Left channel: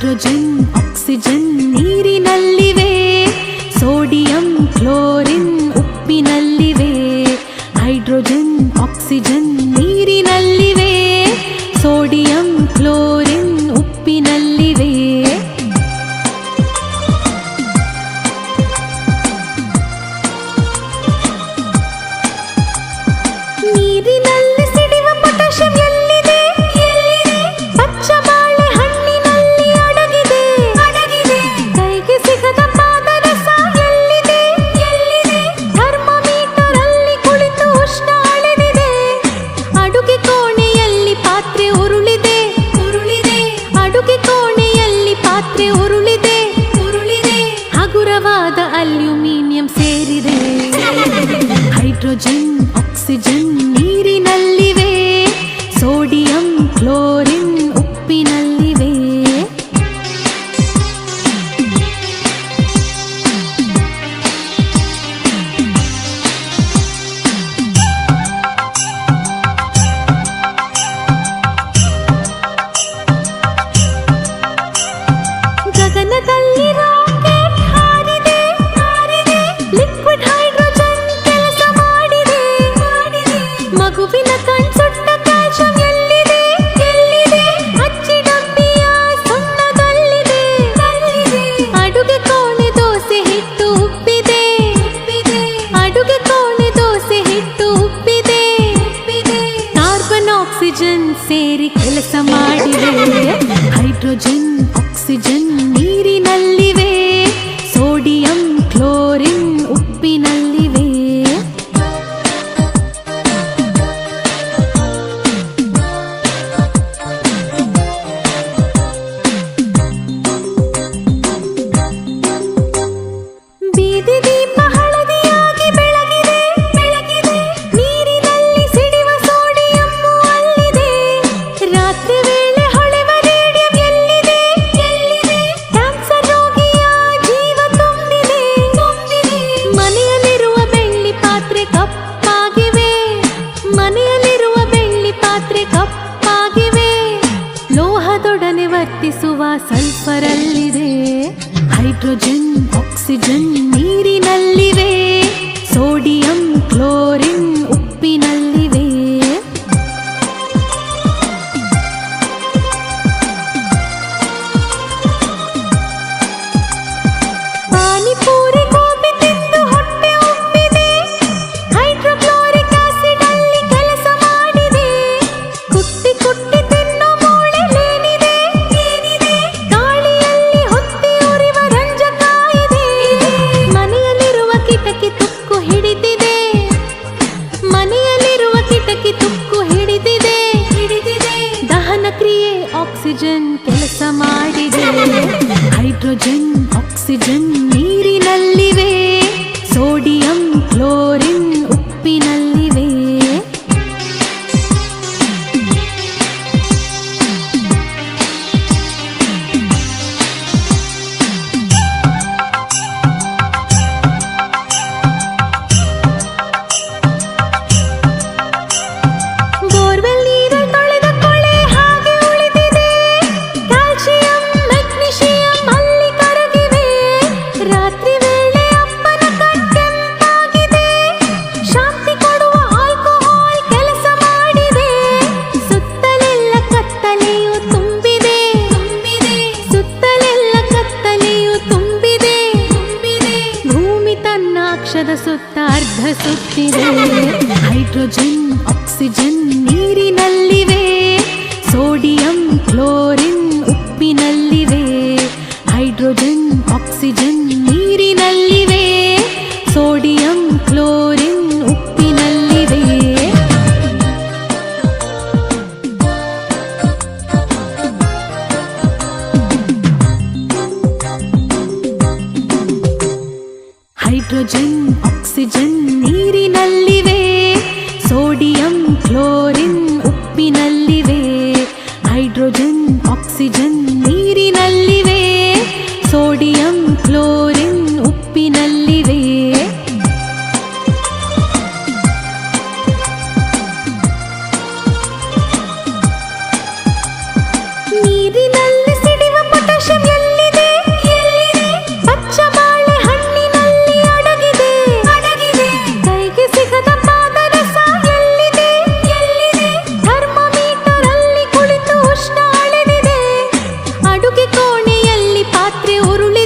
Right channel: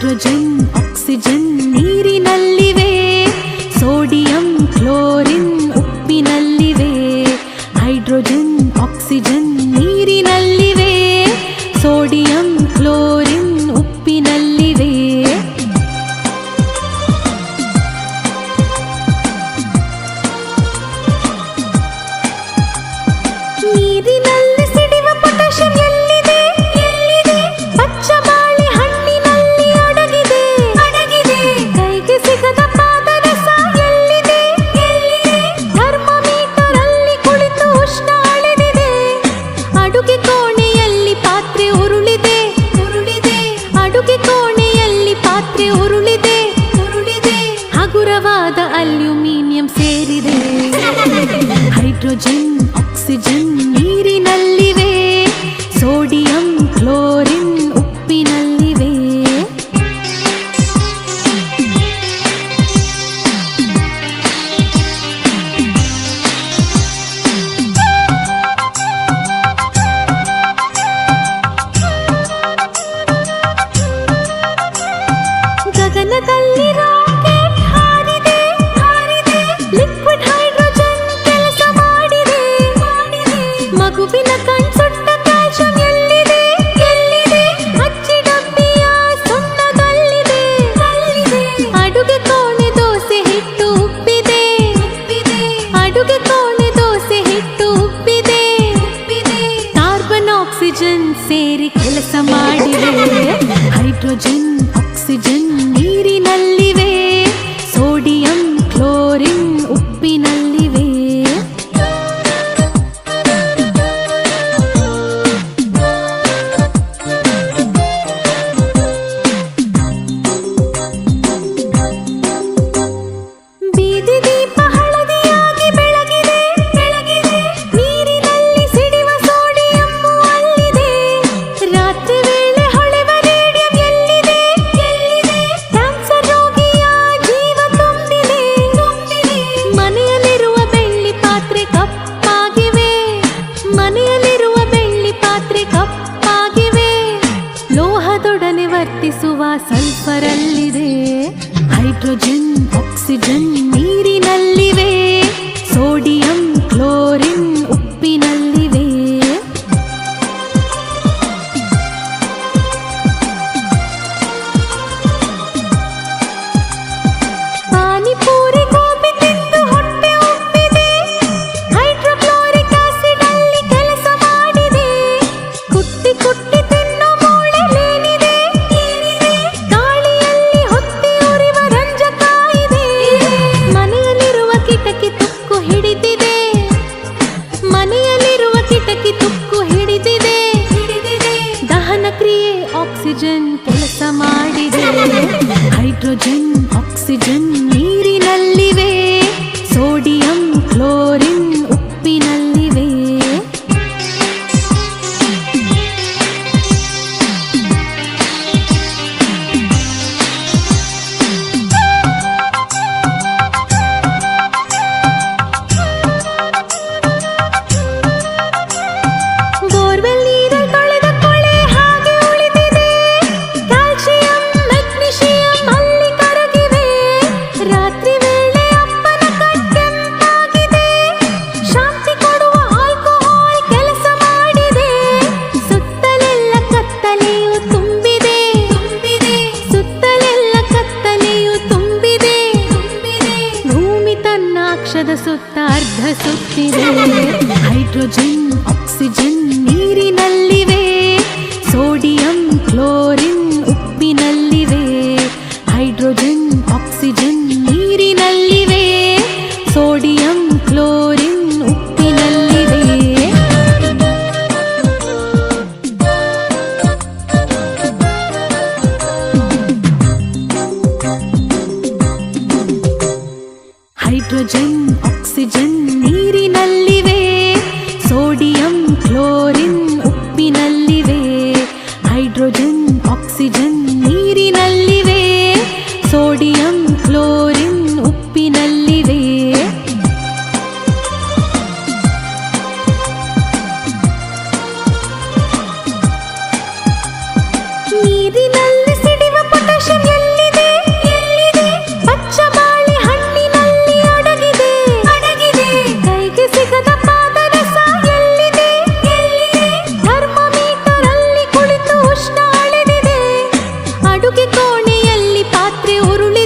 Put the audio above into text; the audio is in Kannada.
ಹೈಡ್ರೋಜನ್ ಆಕ್ಸಿಜನ್ ನೀರಿನಲ್ಲಿವೆ, ಸೋಡಿಯಂ ಕ್ಲೋರಿನ್ ಉಪ್ಪಿನಲ್ಲಿವೆ. ಹೈಡ್ರೋಜನ್ ಆಕ್ಸಿಜನ್ ನೀರಿನಲ್ಲಿವೆ, ಸೋಡಿಯಂ ಕ್ಲೋರಿನ್ ಉಪ್ಪಿನಲ್ಲಿವೆ. ನೀರಿನಲ್ಲಿ ಸಿಡಿವ ಪೊಟ್ಯಾಷಿಯಂ ಎಲ್ಲಿದೆ? ಪಚ್ಚ ಬಾಳೆ ಹಣ್ಣಿನಲ್ಲಿ ಅಡಗಿದೆ. ಕೈಗೆ ಸಿಗದ ಪಾದರಸ ಎಲ್ಲಿದೆ? ಥರ್ಮೋಮೀಟರ್ ಅಲ್ಲಿ ಕುಳಿತು ಉಷ್ಣ ಅಳೆದಿದೆ. ಅಡುಗೆ ಕೋಣೆಯಲ್ಲಿ ಪಾತ್ರೆ ಉರುಳಿದೆ. ಅಡುಗೆ ಕೋಣೆಯಲ್ಲಿ ಪಾತ್ರೆ ಉರುಳಿದೆ. ಹಗುರವಾದ ಅಲ್ಯೂಮಿನಿಯಂ ಸೇರಿದೆ. ಹೈಡ್ರೋಜನ್ ಆಕ್ಸಿಜನ್ ನೀರಿನಲ್ಲಿವೆ, ಸೋಡಿಯಂ ಕ್ಲೋರಿನ್ ಉಪ್ಪಿನಲ್ಲಿವೆ. ಗಗನದಲ್ಲಿ ರಾಕೆಟ್ ಹಾರಿದೆ. ಲಿಕ್ವಿಡ್ ಹೈಡ್ರೋಜನ್ ಕೆಲಸ ಮಾಡಿದೆ. ಮಗುವಿನ ಕಣ್ಸುಟ್ಟ ಕ್ಯಾಲ್ಸಿಯಂ ಎಲ್ಲಿದೆ? ಅಚ್ಚಿ ಡಬ್ಬಿಯ ಸುಣ್ಣದಲ್ಲಿದೆ. ಅಡುಗೆ ಕೋಣೆ ದೋಸೆ ಹಿಟ್ಟು ಉಬ್ಬಿದೆ. ಅಡುಗೆ ಕೋಣೆ ದೋಸೆ ಹಿಟ್ಟು ಉಬ್ಬಿದೆ. ಕಾರ್ಬನ್ ಆಕ್ಸಿಜನ್ ಸೇರಿ ಕೆಲಸ ಮಾಡಿದೆ. ಹೈಡ್ರೋಜನ್ ಆಕ್ಸಿಜನ್ ನೀರಿನಲ್ಲಿವೆ, ಸೋಡಿಯಂ ಕ್ಲೋರಿನ್ ಉಪ್ಪಿನಲ್ಲಿವೆ. ಬೀದಿ ದೀಪ ಹಳದಿಯಾಗಿ ಬೆಳಗಿದೆ. ನೀರಿನಲ್ಲಿ ಸಿಡಿವ ಸೋಡಿಯಂ ಅಲ್ಲಿದೆ. ರಾತ್ರಿ ವೇಳೆ ಹೊಳೆವ ರೇಡಿಯಂ ಎಲ್ಲಿದೆ? ಕ್ಯಾನ್ಸರ್ ರೋಗಿಯ ಜೀವ ತುಂಬಿದೆ. ಮನೆಯಲ್ಲಿರುವ ಬೆಳ್ಳಿ ಪಾತ್ರೆ ಕಪ್ಪಾಗಿವೆ. ಮನೆಯಲ್ಲಿರುವ ಬೆಳ್ಳಿ ಪಾತ್ರೆ ಕಪ್ಪಾಗಿವೆ. ಲೋಹದೊಡನೆ ವರ್ತಿಸುವ ಸಲ್ಫರ್ ಅಲ್ಲಿದೆ. ಹೈಡ್ರೋಜನ್ ಆಕ್ಸಿಜನ್ ನೀರಿನಲ್ಲಿವೆ, ಸೋಡಿಯಂ ಕ್ಲೋರಿನ್ ಉಪ್ಪಿನಲ್ಲಿವೆ. ಪಾನಿಪೂರಿ ಗೋಬಿ ತಿಂದು ಹೊಟ್ಟೆ ಉಬ್ಬಿದೆ. ಹೈಡ್ರೋಕ್ಲೋರಿಕ್ ಆಸಿಡ್ ಅಲ್ಲಿ ಕೆಲಸ ಮಾಡಿದೆ. ಕುಟ್ಟಿ ಕುಟ್ಟಿ ತಿನ್ನೋ ಮೂಳೆಲೇನಿದೆ? ಗಾಳಿಯಲ್ಲಿ ಹೊತ್ತಿ ಉರಿವ ರಂಜಕ ಇದೆ. ಮನೆಯಲ್ಲಿರುವ ಕಿಟಕಿ ತುಕ್ಕು ಹಿಡಿದಿದೆ. ಮನೆಯಲ್ಲಿರುವ ಕಿಟಕಿ ತುಕ್ಕು ಹಿಡಿದಿದೆ. ದಹನ ಕ್ರಿಯೆ ಆಕ್ಸಿಜನ್ ಕೆಲಸ ಮಾಡಿದೆ. ಹೈಡ್ರೋಜನ್ ಆಕ್ಸಿಜನ್ ನೀರಿನಲ್ಲಿವೆ, ಸೋಡಿಯಂ ಕ್ಲೋರಿನ್ ಉಪ್ಪಿನಲ್ಲಿವೆ. ಬೋರ್ವೆಲ್ ನೀರಲ್ಲಿ ತೊಳೆದ ಕೊಳೆ ಹಾಗೆ ಉಳಿದಿದೆ. ಕ್ಯಾಲ್ಸಿಯಂ ಮೆಗ್ನೀಷಿಯಂ ಅಲ್ಲಿ ಕರಗಿವೆ. ರಾತ್ರಿ ವೇಳೆ ಅಪ್ಪನ ಕಣ್ಕೆಂಪಾಗಿದೆ. ಶಾಂತಿ ಕೊಡುವ ಆಲ್ಕೋಹಾಲ್ ಕೆಲಸ ಮಾಡಿದೆ. ಸುತ್ತಲೆಲ್ಲ ಕತ್ತಲೆಯು ತುಂಬಿದೆ. ಸುತ್ತಲೆಲ್ಲ ಕತ್ತಲೆಯು ತುಂಬಿದೆ. ಭೂಮಿ ತನ್ನ ಅಕ್ಷದ ಸುತ್ತ ಅರ್ಧ ಸುತ್ತಿದೆ. ಹೈಡ್ರೋಜನ್ ಆಕ್ಸಿಜನ್ ನೀರಿನಲ್ಲಿವೆ, ಸೋಡಿಯಂ ಕ್ಲೋರಿನ್ ಉಪ್ಪಿನಲ್ಲಿವೆ. ಹೈಡ್ರೋಜನ್ ಆಕ್ಸಿಜನ್ ನೀರಿನಲ್ಲಿವೆ, ಸೋಡಿಯಂ ಕ್ಲೋರಿನ್ ಉಪ್ಪಿನಲ್ಲಿವೆ. ಹೈಡ್ರೋಜನ್ ಆಕ್ಸಿಜನ್ ನೀರಿನಲ್ಲಿವೆ, ಸೋಡಿಯಂ ಕ್ಲೋರಿನ್ ಉಪ್ಪಿನಲ್ಲಿವೆ. ಹೈಡ್ರೋಜನ್ ಆಕ್ಸಿಜನ್ ನೀರಿನಲ್ಲಿವೆ, ಸೋಡಿಯಂ ಕ್ಲೋರಿನ್ ಉಪ್ಪಿನಲ್ಲಿವೆ. ನೀರಿನಲ್ಲಿ ಸಿಡಿವ ಪೊಟ್ಯಾಷಿಯಂ ಪಾತ್ರೆ ಉರುಳಿ